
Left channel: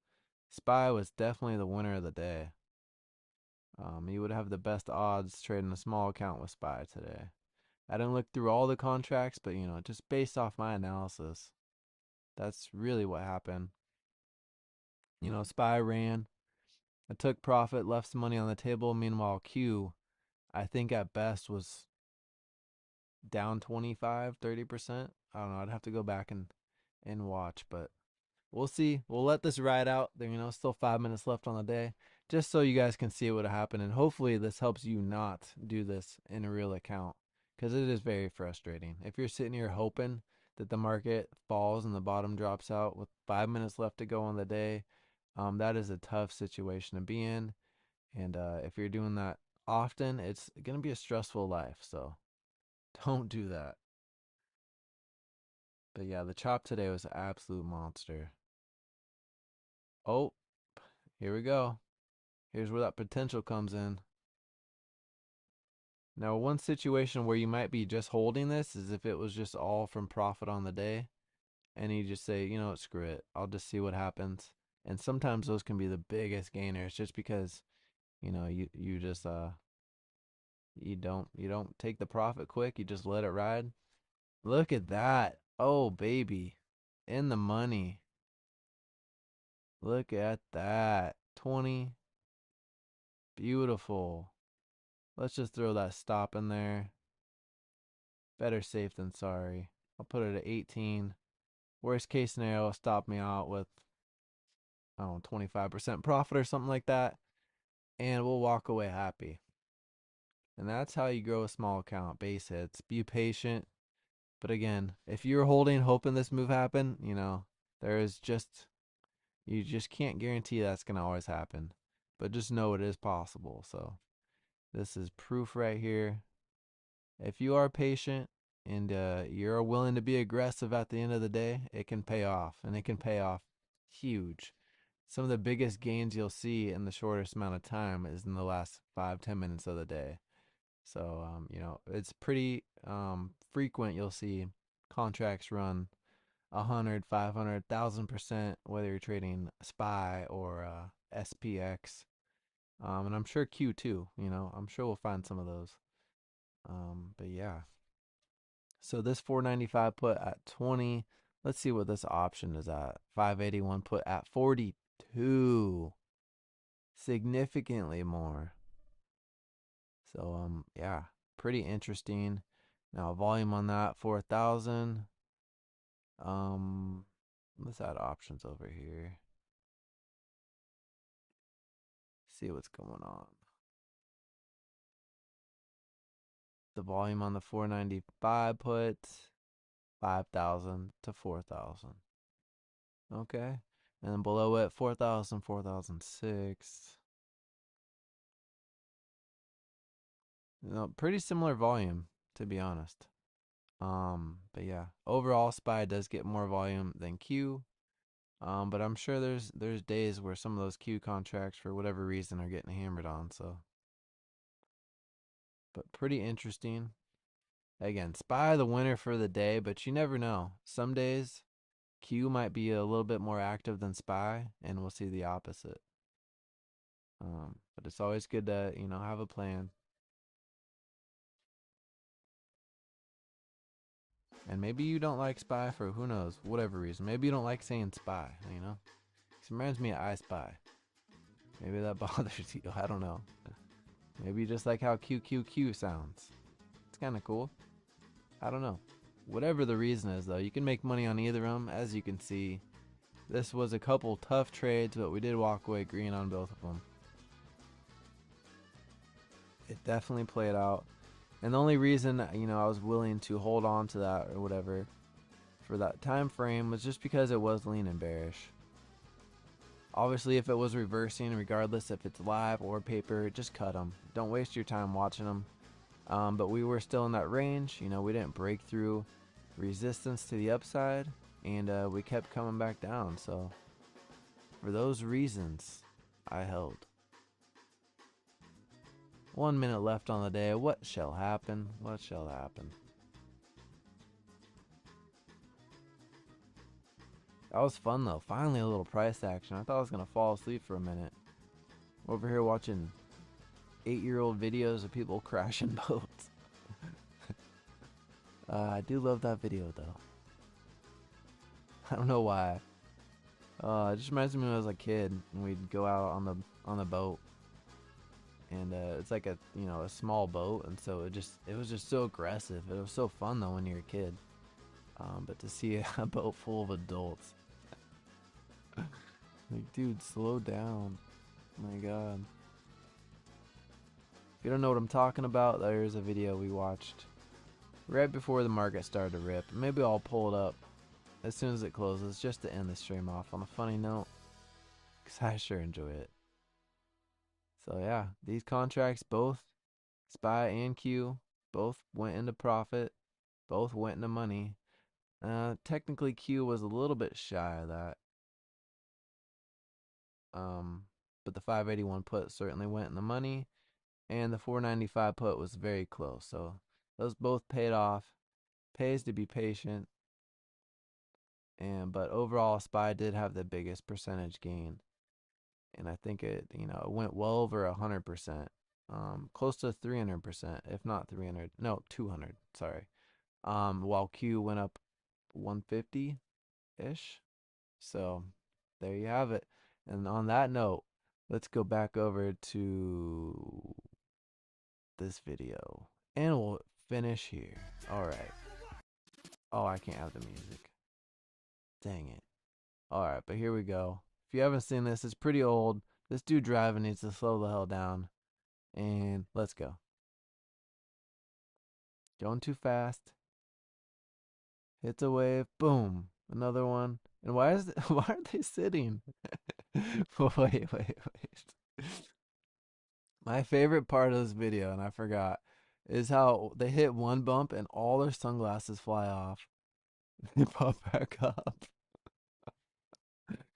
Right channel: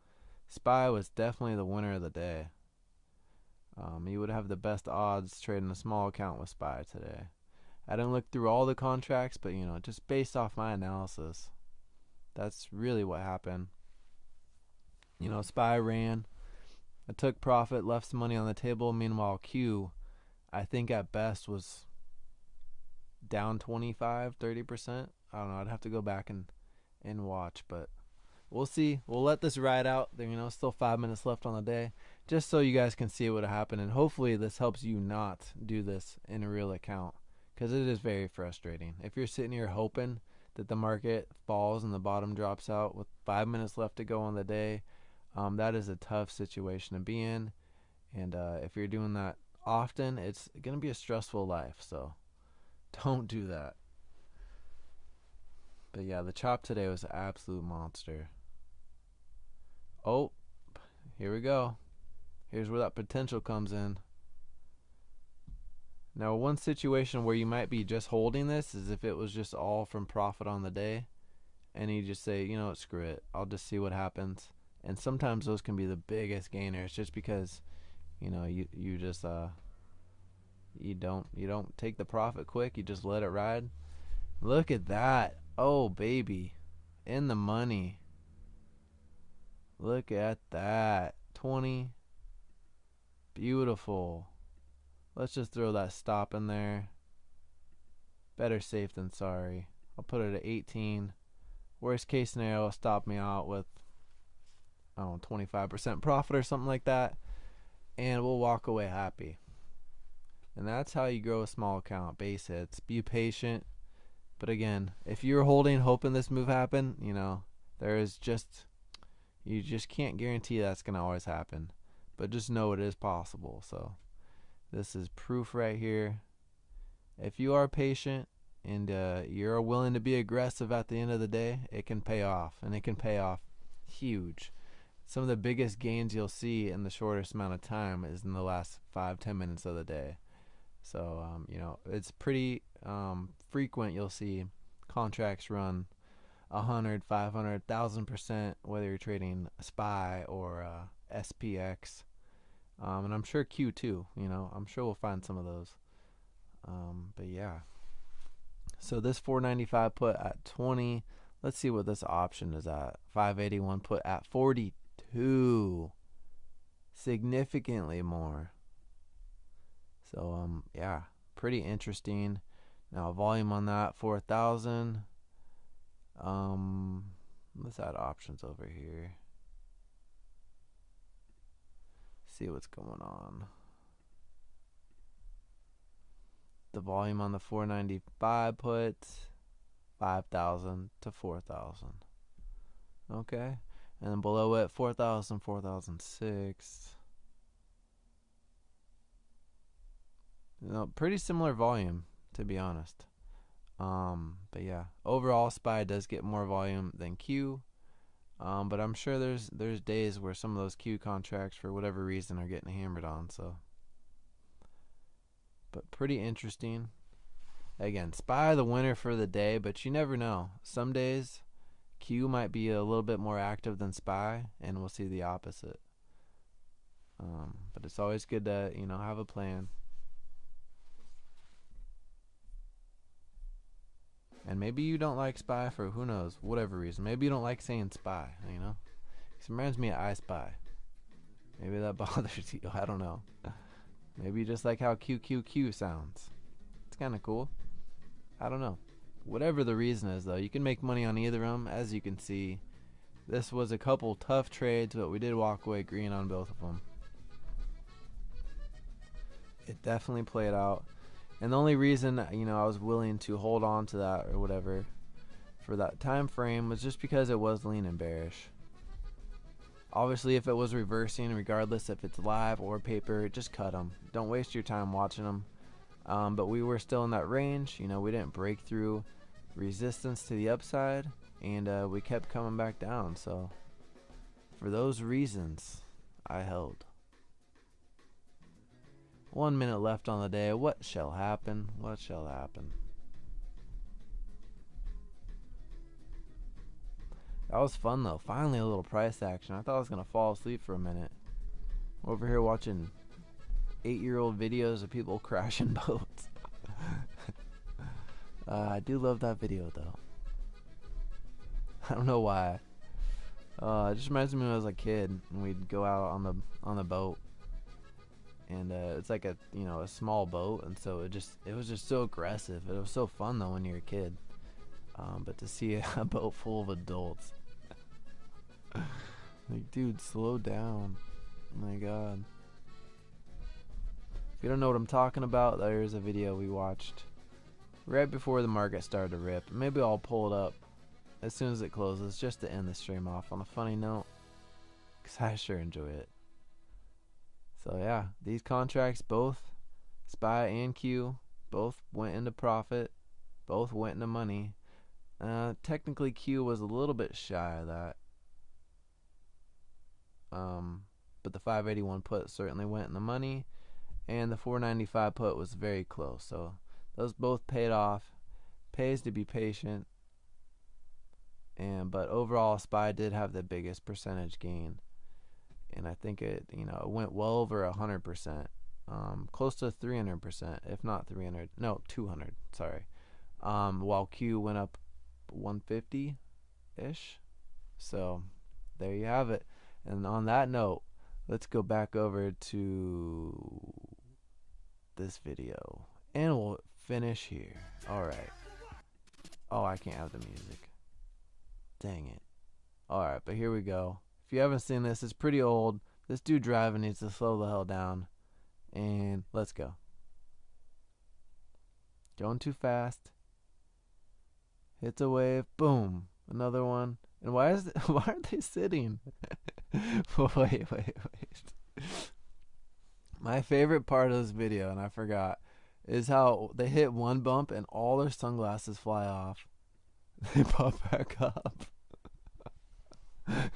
SPY was definitely the winner of the day. You would have the best odds trading a small account with SPY today. I didn't look through all the contracts, but you know, just based off my analysis, that's really what happened. You know, SPY ran. I took profit, left some money on the table. Meanwhile, Q, I think at best was down 25, 30%. I don't know. I'd have to go back and watch, but we'll see. We'll let this ride out. There, you know, still 5 minutes left on the day, just so you guys can see what happened. And hopefully this helps you not do this in a real account, because it is very frustrating. If you're sitting here hoping that the market falls and the bottom drops out with 5 minutes left to go on the day, that is a tough situation to be in. And if you're doing that often, it's going to be a stressful life. So don't do that. But yeah, the chop today was an absolute monster. Oh, here we go. Here's where that potential comes in. Now, one situation where you might be just holding this is if it was just all from profit on the day, and you just say, you know what, screw it, I'll just see what happens. And sometimes those can be the biggest gainers, just because, you know, you just you don't take the profit quick. You just let it ride. Look at that. Oh baby, in the money. Look at that. 20. Beautiful. Let's just throw that stop in there. Better safe than sorry. I'll put it at 18. Worst case scenario will stop me out with, I don't know, 25% profit or something like that, and we'll walk away happy. And that's how you grow a small account. Base hits. Be patient. But again, if you're holding, hoping this move happen, you know, you just can't guarantee that's going to always happen. But just know it is possible. So this is proof right here. If you are patient and you're willing to be aggressive at the end of the day, it can pay off. And it can pay off huge. Some of the biggest gains you'll see in the shortest amount of time is in the last 5-10 minutes of the day. So, you know, it's pretty frequent you'll see contracts run 100, 500, 1,000%, whether you're trading SPY or SPX. And I'm sure Q too, you know, I'm sure we'll find some of those. But yeah. So this 495 put at 20. Let's see what this option is at. 581 put at 42. Significantly more. So, yeah, pretty interesting. Now, volume on that, 4,000. Let's add options over here. See what's going on. The volume on the 495 put, 5,000 to 4,000. Okay. And then below it, 4,000, 4,006. You know, pretty similar volume, to be honest. But yeah, overall SPY does get more volume than Q. But I'm sure there's days where some of those Q contracts, for whatever reason, are getting hammered on. So, but pretty interesting. Again, SPY the winner for the day, but you never know. Some days Q might be a little bit more active than SPY, and we'll see the opposite. But it's always good to, you know, have a plan. And maybe you don't like SPY for who knows, whatever reason. Maybe you don't like saying SPY, you know? It reminds me of I Spy. Maybe that bothers you. I don't know. Maybe you just like how QQQ sounds. It's kind of cool. I don't know. Whatever the reason is, though, you can make money on either of them. As you can see, this was a couple tough trades, but we did walk away green on both of them. It definitely played out. And the only reason, you know, I was willing to hold on to that or whatever for that time frame was just because it was lean and bearish. Obviously, if it was reversing, regardless if it's live or paper, just cut them. Don't waste your time watching them. But we were still in that range. You know, we didn't break through resistance to the upside, and we kept coming back down. So for those reasons, I held. 1 minute left on the day. What shall happen? What shall happen? That was fun though. Finally a little price action. I thought I was going to fall asleep for a minute. Over here watching 8-year-old videos of people crashing boats. I do love that video though. I don't know why. It just reminds me when I was a kid and we'd go out on the boat, and it's like a small boat, and so it was just so aggressive. It was so fun though when you're a kid. But to see a boat full of adults, like, dude, slow down. Oh my god. If you don't know what I'm talking about, there's a video we watched right before the market started to rip. Maybe I'll pull it up as soon as it closes, just to end the stream off on a funny note, because I sure enjoy it. So yeah, these contracts, both SPY and Q, both went into profit, both went into money. Technically Q was a little bit shy of that, but the 581 put certainly went in the money, and the 495 put was very close. So those both paid off. Pays to be patient. But overall, SPY did have the biggest percentage gain, and I think it went well over 100%, close to 300%, if not 300, no 200. Sorry. While Q went up 150 ish. So there you have it. And on that note, let's go back over to this video, and we'll finish here. All right. Oh, I can't have the music. Dang it. Alright, but here we go. If you haven't seen this, it's pretty old. This dude driving needs to slow the hell down. And let's go. Going too fast. Hits a wave. Boom. Another one. And why aren't they sitting? Wait. My favorite part of this video, and I forgot, is how they hit one bump and all their sunglasses fly off. They pop back up.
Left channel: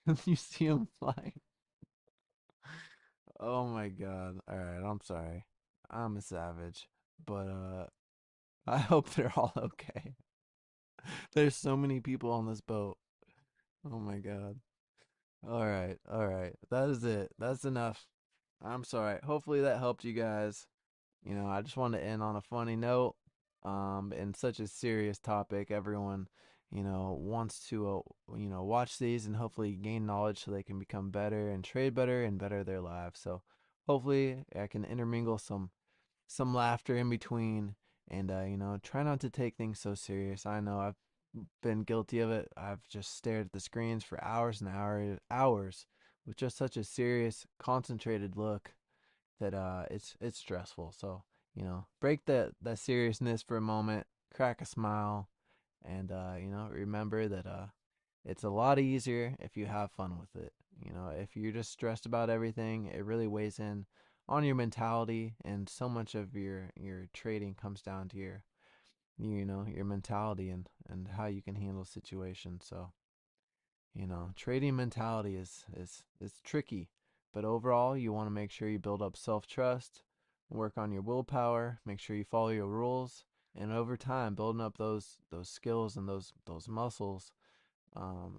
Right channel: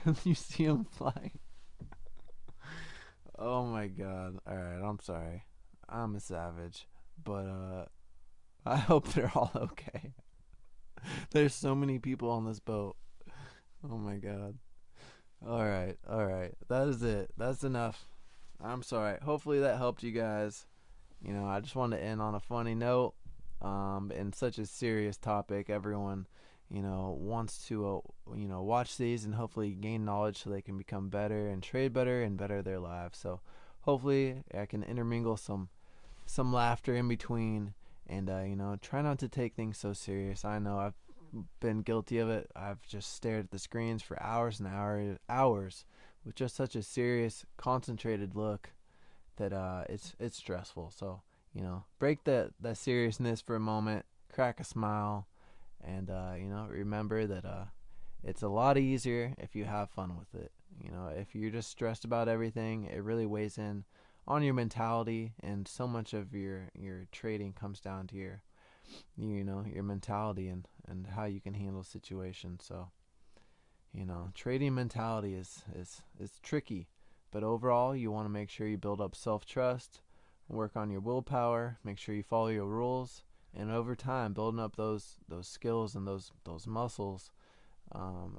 And you see them flying. Oh my god. Alright, I'm sorry. I'm a savage. But I hope they're all okay. There's so many people on this boat. Oh my god. Alright. That is it. That's enough. I'm sorry. Hopefully that helped you guys. I just wanted to end on a funny note. In such a serious topic, everyone wants to watch these and hopefully gain knowledge so they can become better and trade better and better their lives. So hopefully I can intermingle some laughter in between, and try not to take things so serious. I know I've been guilty of it. I've just stared at the screens for hours and hours with just such a serious, concentrated look that it's stressful. So break that seriousness for a moment, crack a smile, and remember that it's a lot easier if you have fun with it. If you're just stressed about everything, it really weighs in on your mentality, and so much of your trading comes down to your mentality and how you can handle situations. So trading mentality is tricky, but overall you want to make sure you build up self-trust, work on your willpower, make sure you follow your rules, and over time building up those skills and those muscles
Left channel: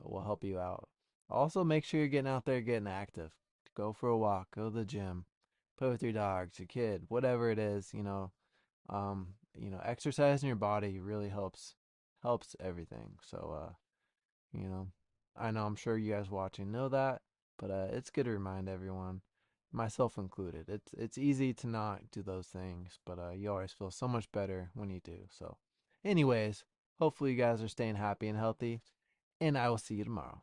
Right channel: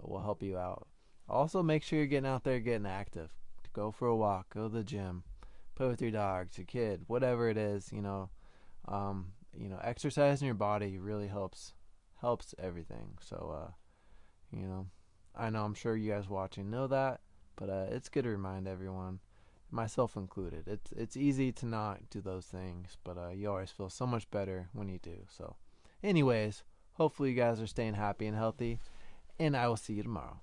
will help you out. Also, make sure you're getting out there, getting active. Go for a walk, go to the gym, play with your dogs, your kid, whatever it is. Exercising your body really helps everything. So I know, I'm sure you guys watching know that, but it's good to remind everyone, myself included. It's easy to not do those things, but you always feel so much better when you do. So anyways, hopefully you guys are staying happy and healthy, and I will see you tomorrow.